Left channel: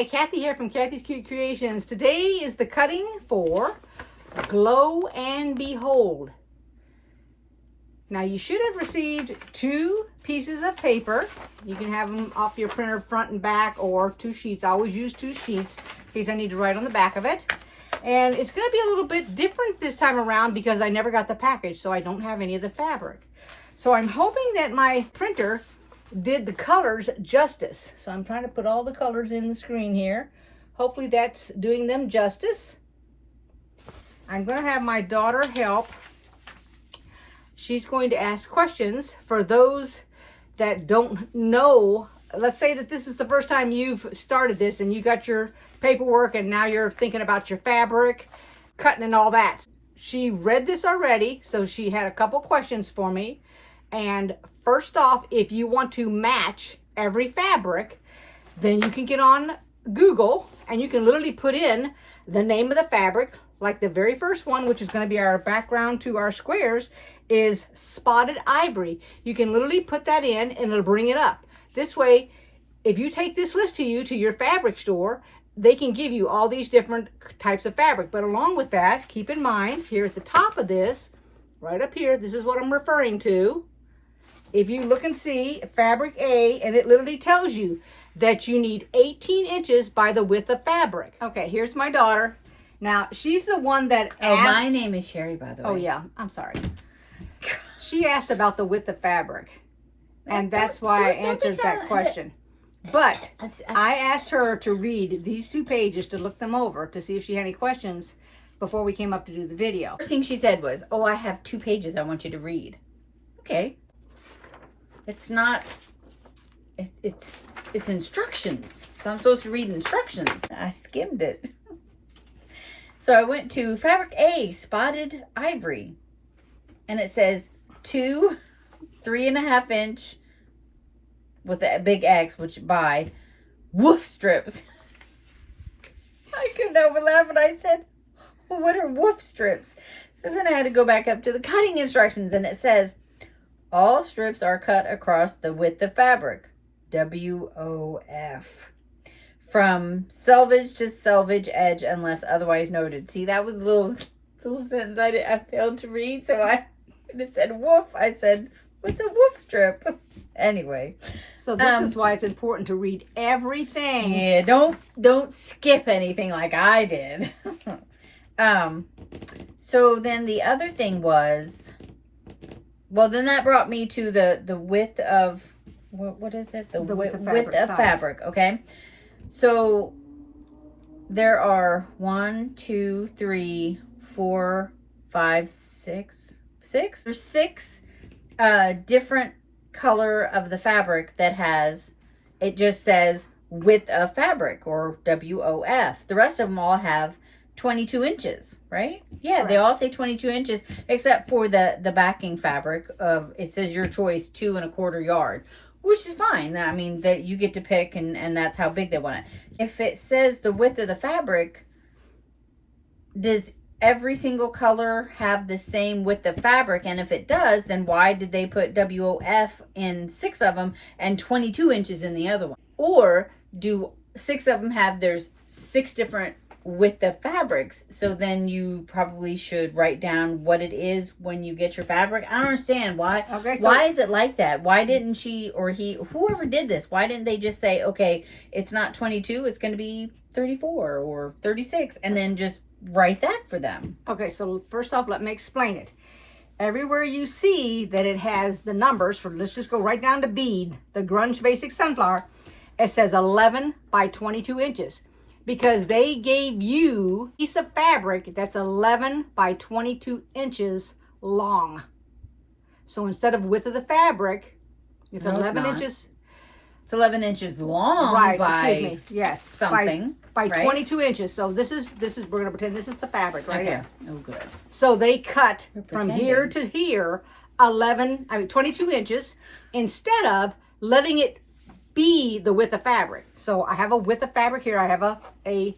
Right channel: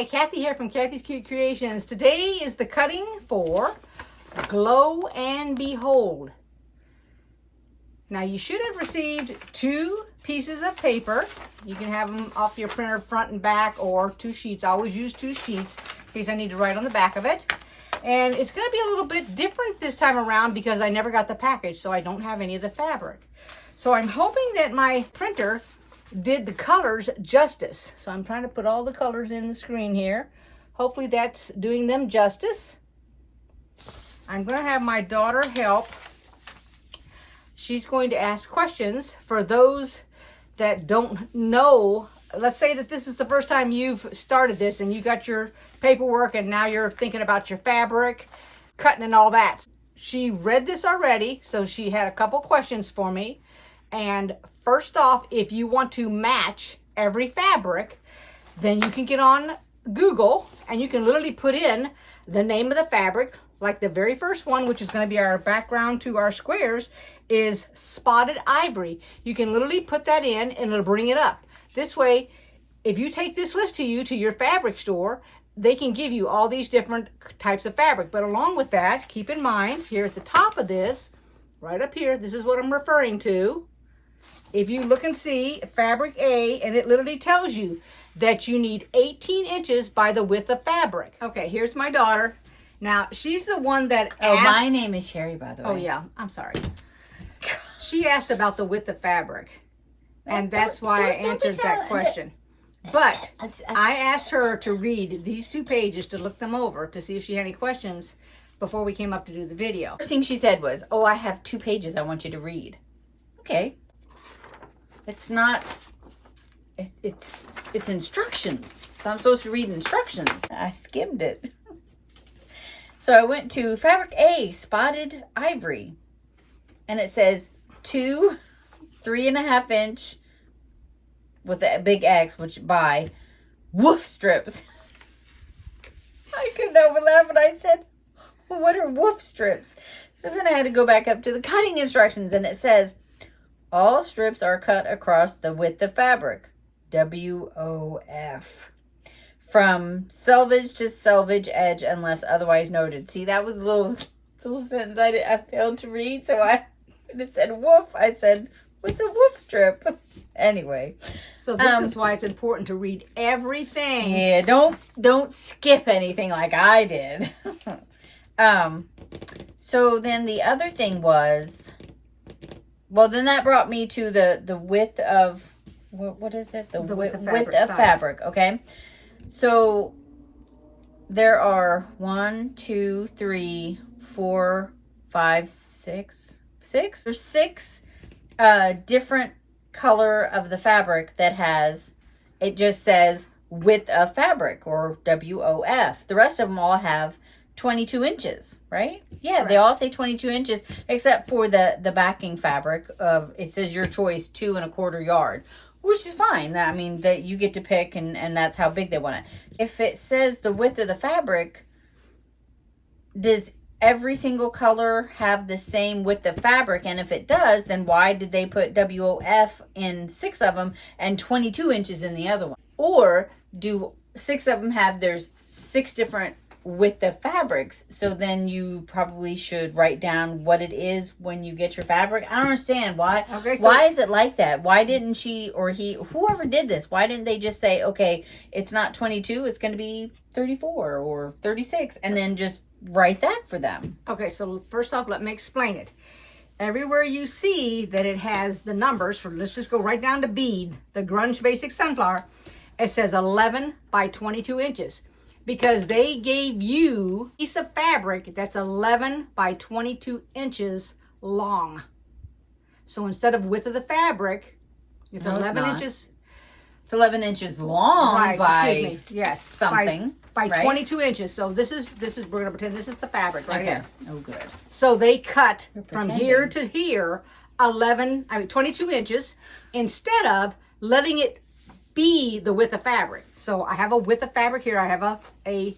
Hi, Kathy here from Kathy's Cute Creations. Today is the cutting for Glow and Behold. Now you should have received 2 pieces of paper. You can have them off your printer front and back, or 2 sheets. I always use 2 sheets in case I need to write on the back of it. And it's going to be a little bit different this time around because I never got the package, so I don't have any of the fabric. So I'm hoping that my printer did the colors justice. So I'm trying to put all the colors in the screen here. Hopefully that's doing them justice. I'm going to have my daughter help. She's going to ask questions for those that don't know. Let's say that this is the first time you've started this and you got your paperwork and now you're thinking about your fabric, cutting and all that. She read this already, so she had a couple questions for me. And first off, if you want to match every fabric, then you can get on Google and you can literally put in the name of the fabric. Like the very first one, which is going to be our background to our squares, is Spotted Ivory. You can literally put that in and it'll bring it up. This way, if you take this list to your fabric store, they can give you all these different types of fabric. But along with that, keep in mind, here at the top of this, right up here, this is what I'm referring to. If you look and see fabric A, and it literally tells you that you need 18 inches by the width of fabric. Okay, here's my daughter. Now, she's the one that asked... Oh, my name is Sherry, by the way. Oh, yeah, I'm sorry. She asked about the width of fabric, and that's why I answered that question. But I asked her to read these 2 pages, to look them over, to see if she had any questions before we came up to do the video. First thing she said was, oh, I have 2 pages I want you to read. Okay. It's not, it's instructions. So I'm supposed to read instructions. I skimmed it. So I went to fabric A, Spotted Ivory. And it says 2 3.5 inch with a big X, which by woof strips. I couldn't help but laugh, and I said, well, what are woof strips? So then I had to go back up to the cutting instructions, and it says, all strips are cut across the width of fabric, WOF, from selvage to selvage edge unless otherwise noted. See, that was a little sentence I failed to read, so when it said woof, I said, what's a woof strip? Anyway. So this is why it's important to read everything. Yeah, don't skip anything like I did. So then the other thing was... Well, then that brought me to the width of, what is it? The width of fabric, okay? So there are 1, 2, 3, 4, 5, 6. There's 6 different color of the fabric that has, it just says width of fabric, or WOF. The rest of them all have 22 inches, right? Yeah, they all say 22 inches, except for the backing fabric of, it says your choice, 2 1/4 yard, which is fine. I mean, that you get to pick, and that's how big they want it. If it says the width of the fabric, does every single color have the same width of fabric? And if it does, then why did they put WOF in 6 of them and 22 inches in the other one? Or do 6 of them have, there's 6 different width of fabrics? So then you probably should write down what it is when you get your fabric. I don't understand why. Okay, so why is it like that? Why didn't she or he, whoever did this, why didn't they just say, okay, it's not 22, it's going to be 34 or 36, and then just write that for them? Okay, so first off, let me explain it. Everywhere you see that it has the numbers for, let's just go right down to bead, the Grunge Basic Sunflower, it says 11 by 22 inches. Because they gave you a piece of fabric that's 11 by 22 inches long. So instead of width of the fabric, it's 11 inches. It's 11 inches long, right? By excuse me. Yes, something by right? 22 inches. So this is we're gonna pretend this is the fabric right here. Oh, good. So they cut from here to here 22 inches instead of letting it be the width of fabric. So I have a width of fabric here. I have a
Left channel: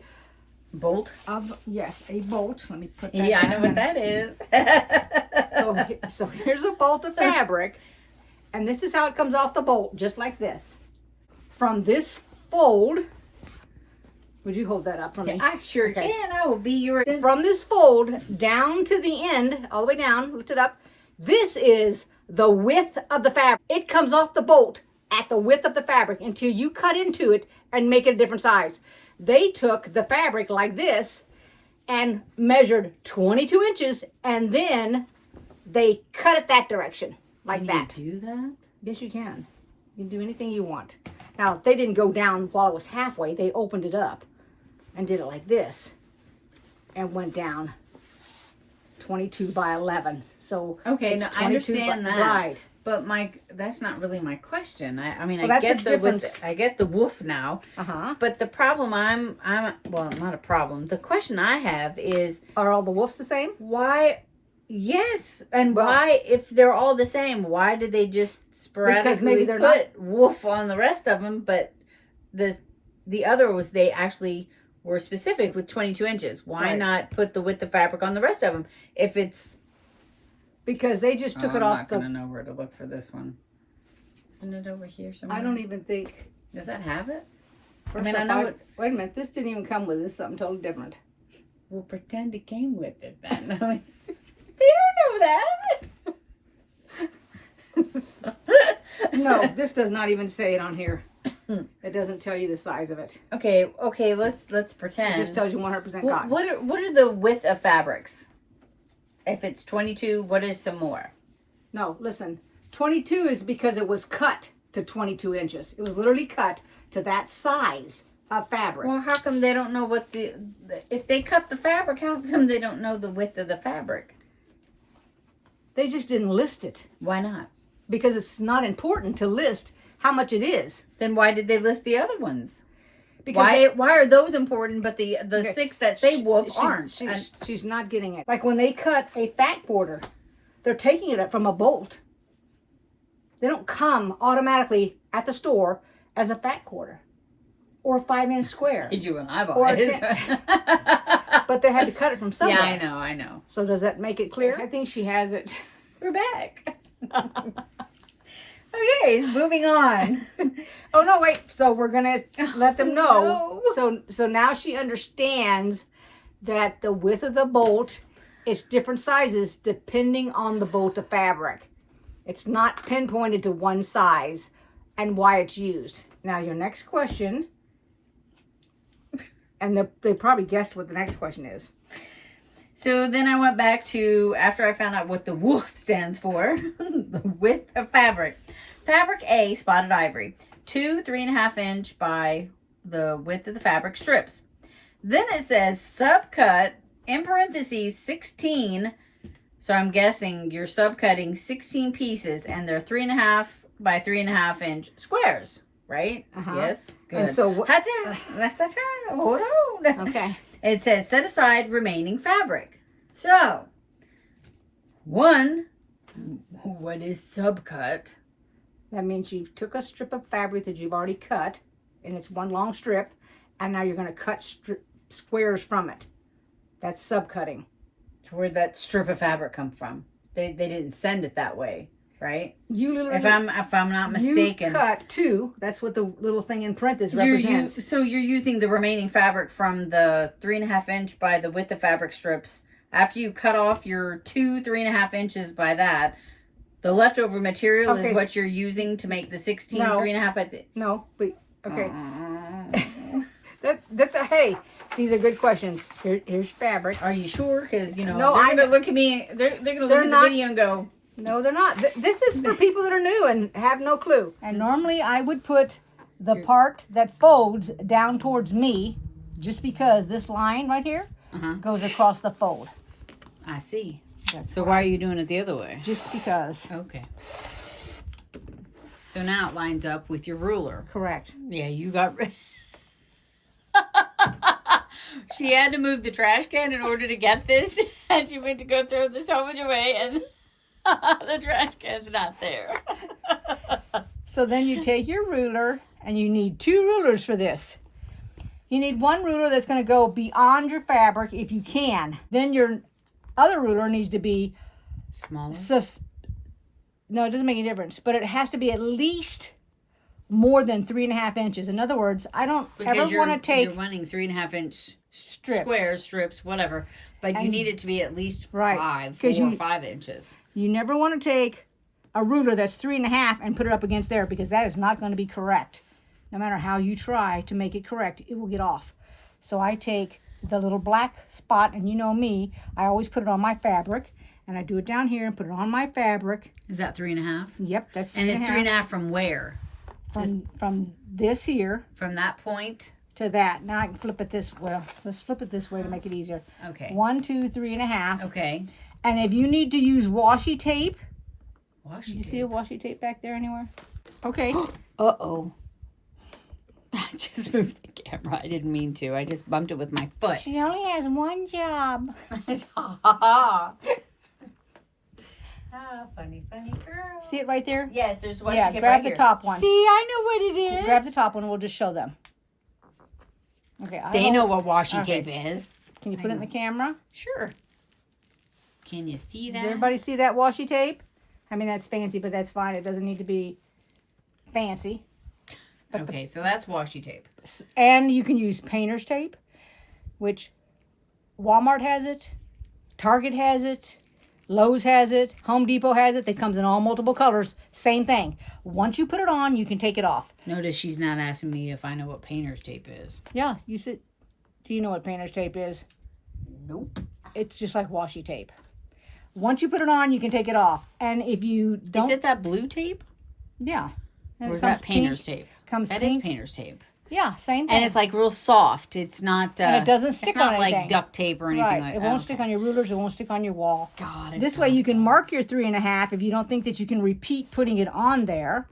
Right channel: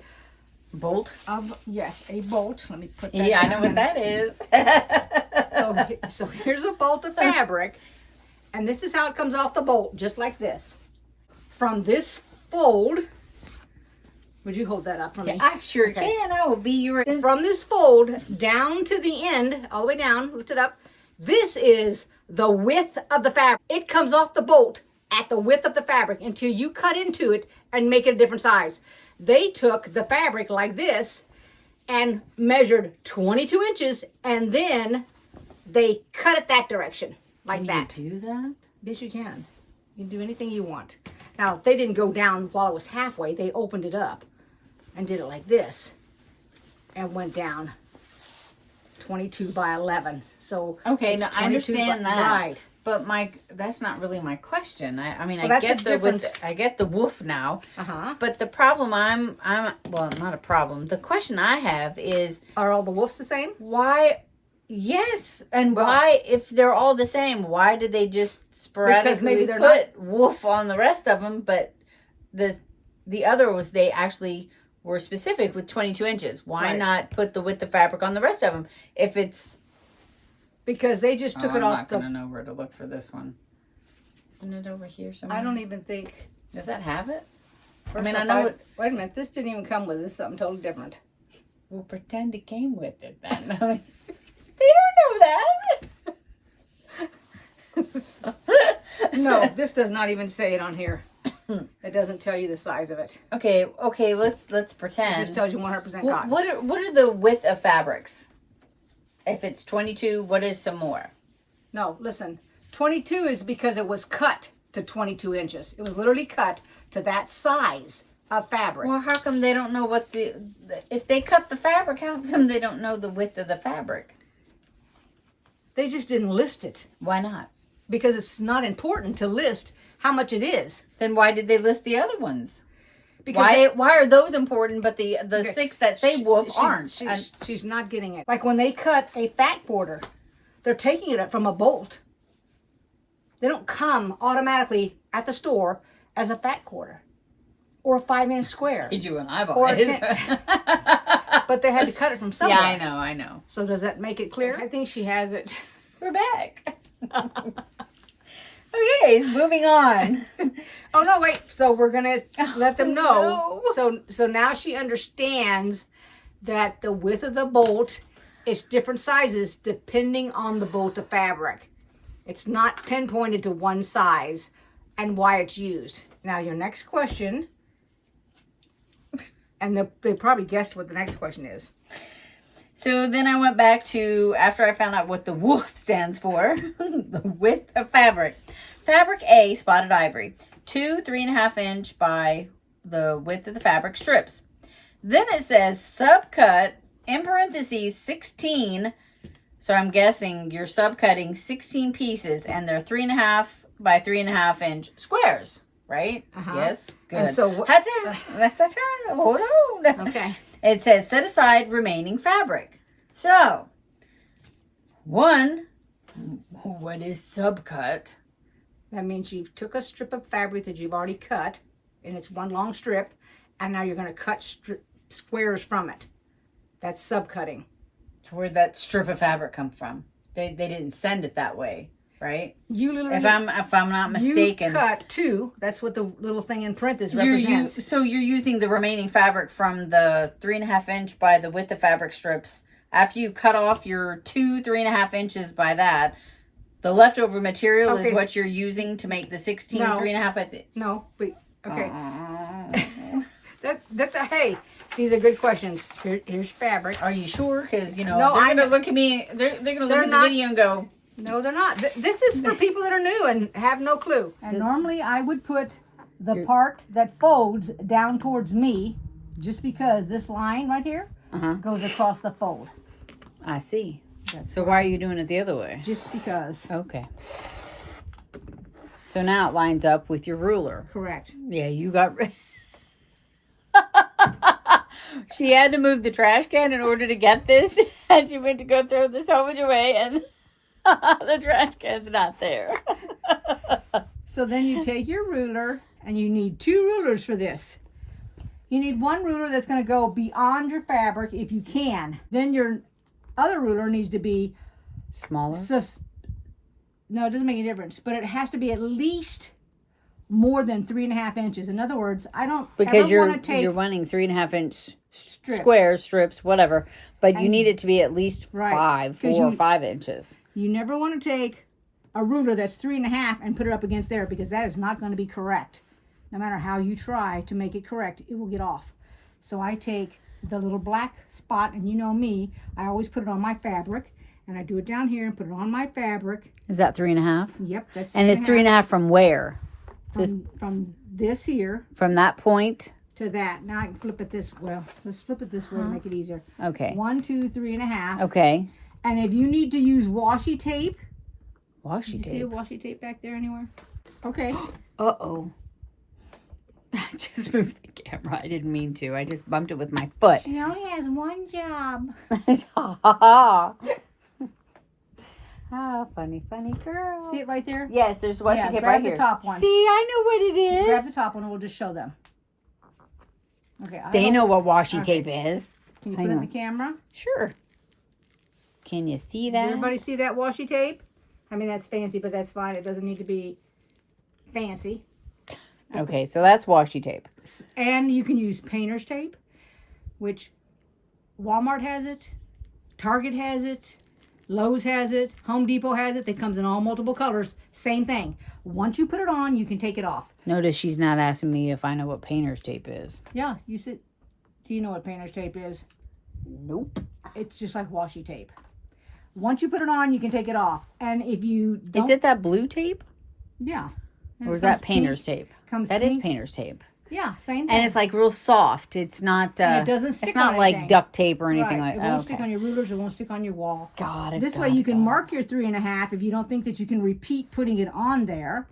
bolt of, yes, a bolt. Let me put that down. I know what that is. so here's a bolt of fabric, and this is how it comes off the bolt, just like this. From this fold, Would you hold that up for me? I sure Okay. can. I will be your... From this fold down to the end, all the way down, lift it up. This is the width of the fabric. It comes off the bolt at the width of the fabric until you cut into it and make it a different size. They took the fabric like this and measured 22 inches, and then they cut it that direction, like that. Can you do that? Yes, you can. You can do anything you want. Now, they didn't go down while it was halfway. They opened it up and did it like this and went down 22 by 11. So Okay, it's now I understand that. Right. But that's not really my question. I mean, Well, I that's get the the difference. I get the woof now. Uh-huh. But the problem well, not a problem. The question I have is Are all the wolves the same? why? Yes, and Well- why, if they're all the same, why did they just sporadically maybe they're put wolf on the rest of them? But the other was they actually were specific with 22 inches. Why Right. not put the width of fabric on the rest of them if it's... Because they just took it I'm off not the... gonna know where to look for this one. Isn't it over here somewhere? I don't even think... Does that have it? First I off, know it- wait a minute. This didn't even come with it. This is something totally different. We'll pretend it came with it then. They don't know that. No, this does not even say it on here. It doesn't tell you the size of it. Okay. Let's It pretend. just tells you 100% cotton. What are the width of fabrics? If it's 22, what is some more? No, listen. 22 is because it was cut to 22 inches. It was literally cut to that size of fabric. Well, how come they don't know what if they cut the fabric, how come they don't know the width of the fabric? They just didn't list it Why not? because it's not important to list how much it is. Then why did they list the other ones? Because Why are those important, but the Okay. 6 that say wolf aren't? She's not getting it. Like when they cut a fat quarter, they're taking it from a bolt. They don't come automatically at the store as a fat quarter or a 5-inch square. Did you and I Or bought a it? But they had to cut it from somewhere. Yeah, I know. So does that make it clear? I think she has it. We're back. Okay, moving on. Oh no, wait. So we're gonna let them know. No. So now she understands that the width of the bolt is different sizes depending on the bolt of fabric. It's not pinpointed to one size and why it's used. Now your next question, and they probably guessed what the next question is. So then I went back to, after I found out what the WOOF stands for, the width of fabric. Fabric A, spotted ivory, 2 3.5 inch by the width of the fabric strips. Then it says subcut, in parentheses, 16. So I'm guessing you're subcutting 16 pieces and they're 3.5 by 3.5 inch squares, right? Uh-huh. Yes, good. And so That's it. That's it. Hold on. Okay. It says set aside remaining fabric. So, 1, what is subcut? That means you took a strip of fabric that you've already cut, and it's one long strip, and now you're going to cut squares from it. That's subcutting. So where'd that strip of fabric come from? They didn't send it that way, right? You literally, If I'm not mistaken, you cut 2. That's what the little thing in parentheses represents. so you're using the remaining fabric from the 3.5 inch by the width of fabric strips. After you cut off your 2 3.5 inches by that, the leftover material Okay. is what you're using to make the 16 No. 3.5. No, but okay. That's a hey. These are good questions. Here's fabric. Are you sure? Because no, No, they're I gonna know- look at me. They're gonna They're look at not- the video and go, No, they're not. This is for people that are new and have no clue. And normally I would put the part that folds down towards me, just because this line right here goes across the fold. I see. So why are you doing it the other way? Just because. Okay. So now it lines up with your ruler. Correct. Yeah, you got. She had to move the trash can in order to get this, and she went to go throw the salvage away, and the trash can's not there. So then you take your ruler, and you need 2 rulers for this. You need one ruler that's going to go beyond your fabric if you can. Then your other ruler needs to be Smaller. no, it doesn't make any difference, but it has to be at least more than 3.5 inches. In other words, I don't Because ever want to take you're running 3.5 inch strips. squares, strips, whatever. But you need it to be at least Right. 4 or 5 inches. You never want to take a ruler that's 3.5 and put it up against there, because that is not going to be correct. No matter how you try to make it correct, it will get off. So I take the little black spot, and you know me, I always put it on my fabric, and I do it down here and put it on my fabric. Is that 3.5? Yep, that's And it's 3.5 from where? from this here From that point? to that. Now I can flip it this way. Let's flip it this way to make it easier. Okay. 1, 2, 3.5. Okay. And if you need to use washi tape, Washi do you see a washi tape back there anywhere? Okay. Uh-oh. I just moved the camera. I didn't mean to. I just bumped it with my foot. She only has one job. Ah, funny girl. See it right there? Yes, there's washi tape grab right the here. top one. See, I know what it is. Grab the top one and we'll just show them. Okay. They know what washi tape is. Can you put it in the camera? Sure. Can you see that? Does everybody see that washi tape? I mean, that's fancy, but that's fine. It doesn't need to be fancy. Okay, so that's washi tape. And you can use painter's tape, which Walmart has it, Target has it, Lowe's has it, Home Depot has it. It comes in all multiple colors. Same thing. Once you put it on, you can take it off. Notice she's not asking me if I know what painter's tape is. Yeah, you said, do you know what painter's tape is? Nope. It's just like washi tape. Once you put it on, you can take it off. And if you don't... Is it that blue tape? Yeah. And Or it is that comes painter's pink, tape? Comes That is pink. painter's tape. Yeah, same thing. And it's like real soft. It's not. And it doesn't stick It's not on like anything. duct tape or anything Right. like It that. won't stick on your rulers. It won't stick on your wall. God. This way you can mark your 3.5 if you don't think that you can repeat putting it on there.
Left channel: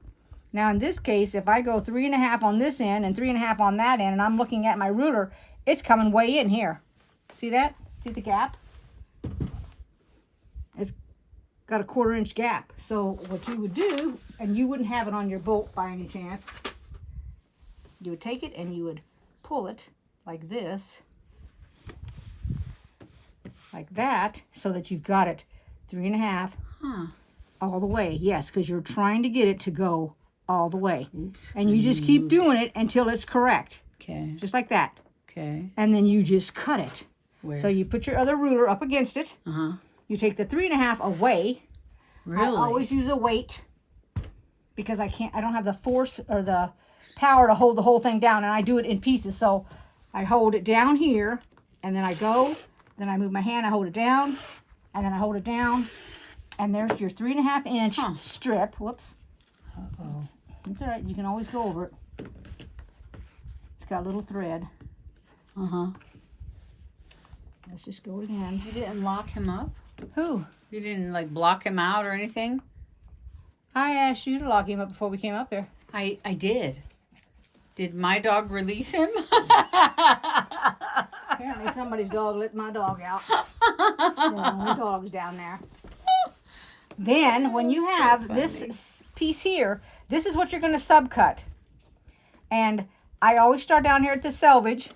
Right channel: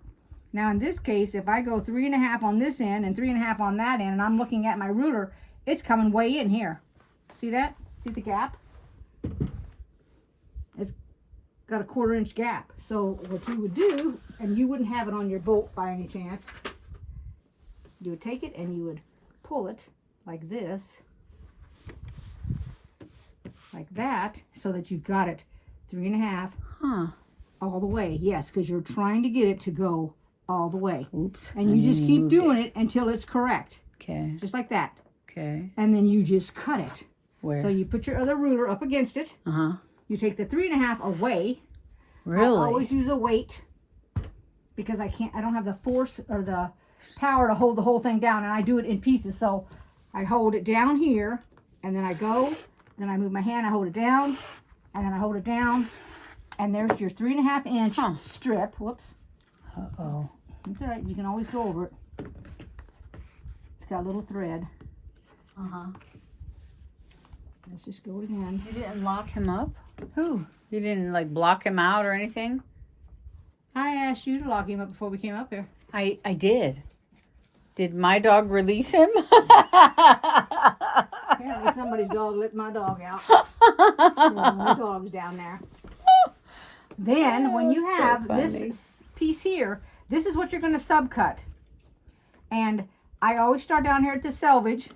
Now in this case, if I go 3.5 on this end and 3.5 on that end, and I'm looking at my ruler, it's coming way in here. See that? See the gap? It's got a 1/4 inch gap. So what you would do, and you wouldn't have it on your bolt by any chance, you would take it and you would pull it like this, like that, so that you've got it 3.5 all the way. Yes, because you're trying to get it to go all the way. Oops. And you just keep doing it until it's correct, Okay. just like that. Okay. And then you just cut it. Where? So you put your other ruler up against it. You take the 3.5 away. Really? I always use a weight because I don't have the force or the power to hold the whole thing down, and I do it in pieces. So I hold it down here, and then I go, then I move my hand, I hold it down, and then I hold it down, and there's your 3.5 inch strip. Whoops. Uh-oh. It's all right. You can always go over it. It's got a little thread. Let's just go again. You didn't lock him up? Who? You didn't like block him out or anything? I asked you to lock him up before we came up here. I did. Did my dog release him? Apparently somebody's dog let my dog out. There are only dogs down there. Then when you have this piece here, this is what you're going to subcut. And I always start down here at the selvage.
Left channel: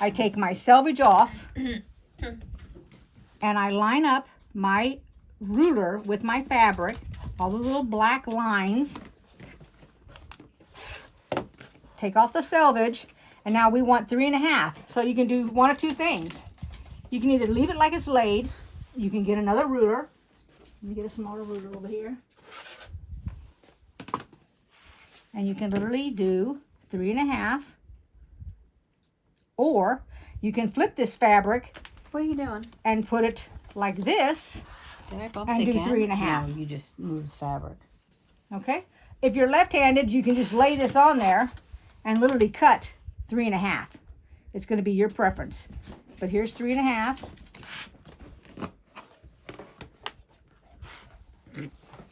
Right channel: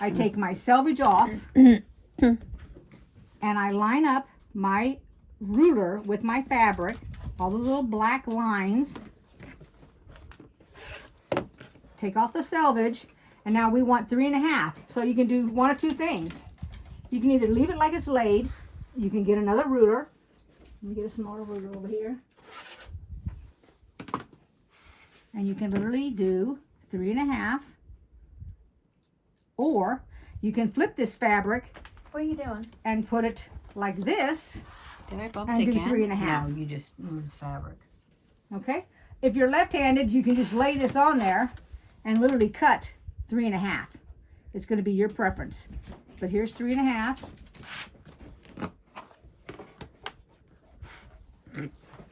I take my selvage off and I line up my ruler with my fabric, all the little black lines. Take off the selvage, and now we want 3.5. So you can do one of two things. You can either leave it like it's laid. You can get another ruler. Let me get a smaller ruler over here. And you can literally do 3.5. Or you can flip this fabric. What are you doing? And put it like this. Did I bump and it do again? 3.5. No, you just moved the fabric. Okay? If you're left-handed, you can just lay this on there and literally cut 3.5. It's going to be your preference. But here's 3.5.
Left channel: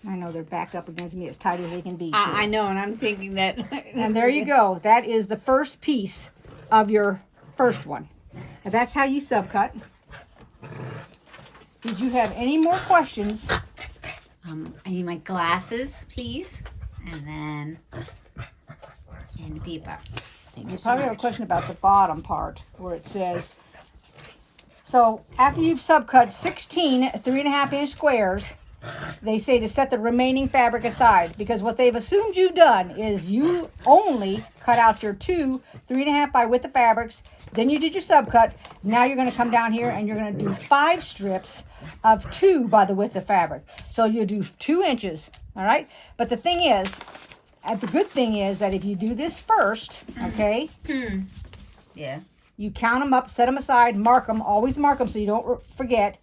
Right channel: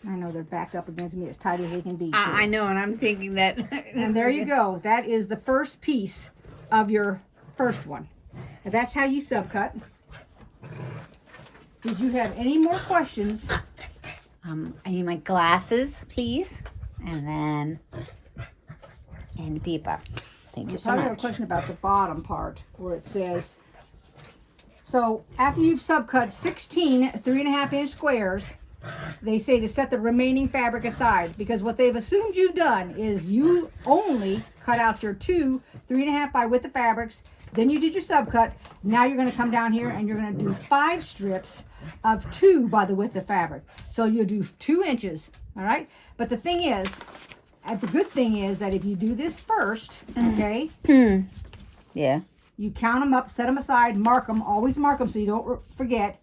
I know they're backed up against me as tight as they can be. I know, and I'm thinking that. And there you go. That is the first piece of your first one. And that's how you subcut. Did you have any more questions? I need my glasses, please. And then candy paper. Thank you so Probably have a much. question about the bottom part where it says, so after you've subcut 16 3.5 inch squares, they say to set the remaining fabric aside, because what they've assumed you've done is you only cut out your 2 3.5 by width of fabrics. Then you did your subcut. Now you're going to come down here and you're going to do 5 strips of 2 by the width of fabric. So you'll do 2 inches. All right. But the thing is, the good thing is that if you do this first, okay, Yeah. you count them up, set them aside, mark them, always mark them so you don't forget.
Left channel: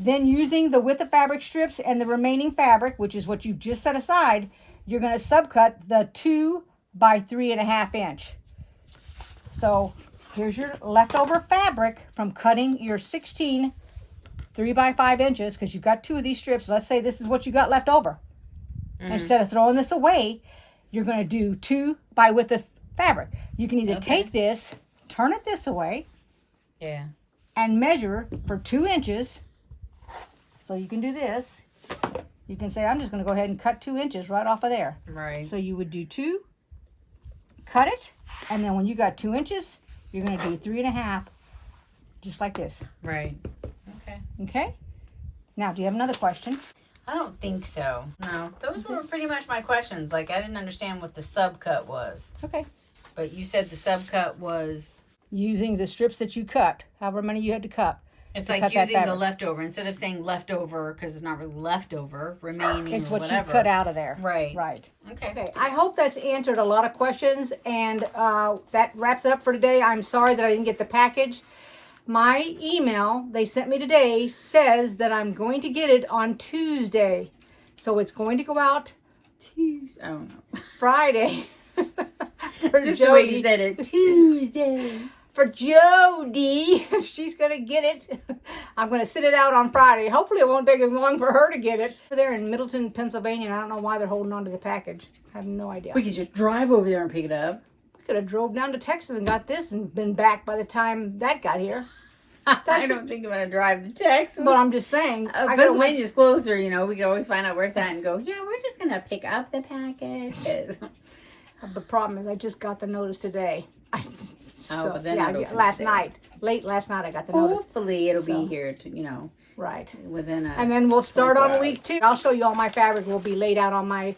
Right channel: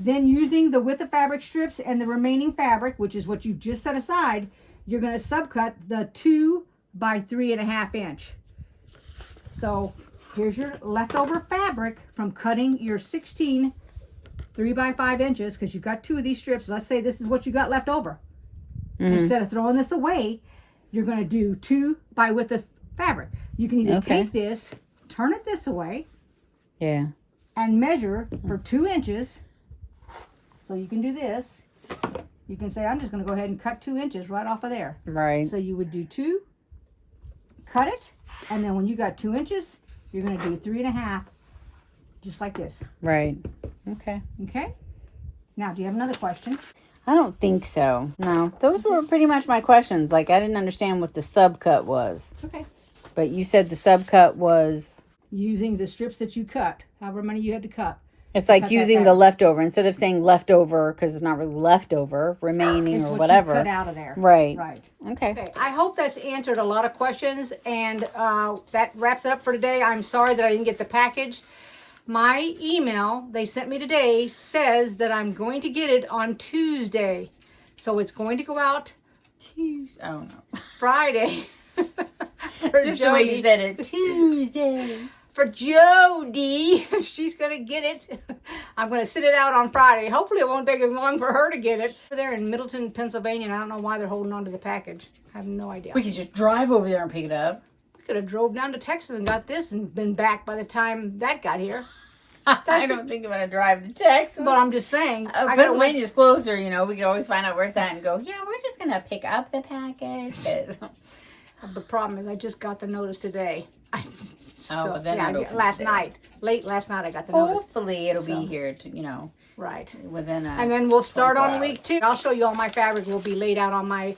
Then using the width of fabric strips and the remaining fabric, which is what you've just set aside, you're going to subcut the 2 by 3.5 inch. So here's your leftover fabric from cutting your 16 3 by 5 inches, because you've got 2 of these strips. Let's say this is what you got left over. Instead of throwing this away, you're going to do 2 by width of fabric. You can either take this, turn it this way, Yeah. and measure for 2 inches. So you can do this. You can say, I'm just going to go ahead and cut 2 inches right off of there. Right. So you would do 2, cut it, and then when you got 2 inches, you're going to do 3.5, just like this. Right. Okay. Okay? Now, do you have another question? I don't think so. No. Those were pretty much my questions. Like, I didn't understand what the subcut was. Okay. But you said the subcut was... Using the strips that you cut, however many you had to cut. It's to like cut that using the fabric. leftover. Instead of saying leftover, because it's not really leftover, remaining It's or what whatever. you cut out of there. Right. Right. Okay. Okay, I hope that's answered a lot of questions, and that wraps it up for today. I'm sorry that I didn't get the package. My email they sent me today says that I'm going to get it on Tuesday. So it's going to go out Tuesday. I don't know. Friday. For Just the way Jody. you said it. Tuesday. For Jody, she's going to get it. I'm going to sit it out on Friday. Hopefully it won't take as long for her to get it. They're in Middleton, Pennsylvania, and I don't know why they're holding on to the package. I have no idea. We could just drive over there and pick it up. We could have drove down to Texas and got this and been back by the time that got here. I don't think I'm going to drive to Texas. But I'm just saying. I gotta wait. Pennsylvania's closer, you know. We could always find out where it's at and go, yeah, we're just going to pick up the package. 'Cause... The problem is I just got the notice today. but then not open last today. night. Late last night I got the notice. Hopefully it'll So. be here, to, you know, Right. within a... And then we'll start 24 on week hours. 2. I'll show you all my fabric will be laid out on my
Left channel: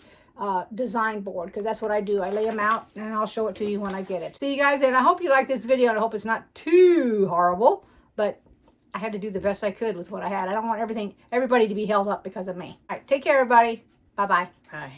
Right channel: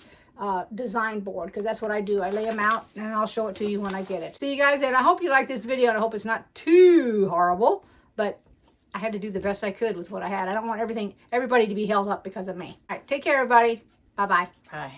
design board, because that's what I do. I lay them out and I'll show it to you when I get it. See you guys, and I hope you like this video, and I hope it's not too horrible, but I had to do the best I could with what I had. I don't want everybody to be held up because of me. All right, take care, everybody. Bye-bye. Bye.